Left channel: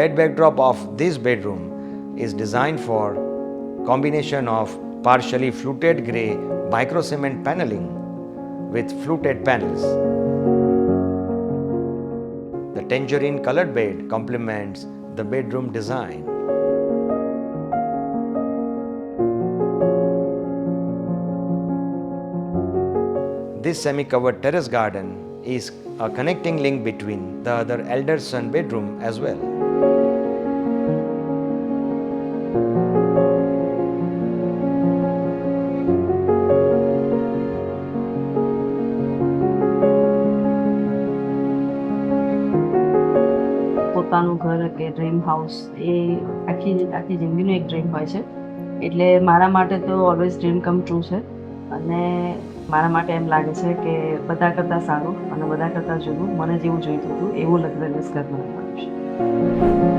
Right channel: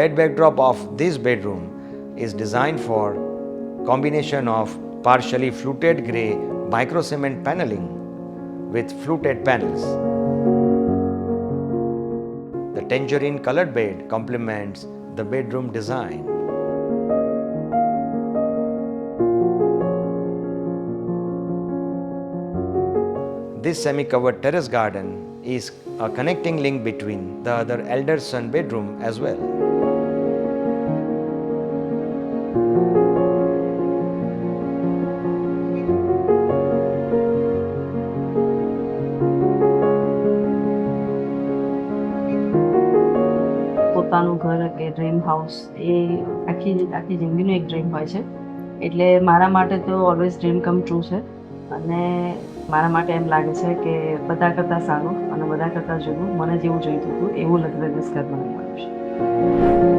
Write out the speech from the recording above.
bed backdrop of this bedroom is designed for combination of partially fluted grey micro cement paneling with fluted panels. The tangerine colored bed complements the bedroom design. This semi-covered terrace garden is a connecting link between the other elder son bedroom as well. પોતાનું ઘર કે dream house એ આખી જિંદગીનું એક ડ્રીમ હોય છે. એટલે મારા માટે તો ઓલવેઝ ડ્રીમ કમ ટ્રુ છે. અને મારા માટે એમ લાગે છે કે બધા કરતાં સારું અને બધા કરતાં જુદું મને જેવું જોઈતું હતું એવું લક્ઝરિયસ ઘર મને મળ્યું છે.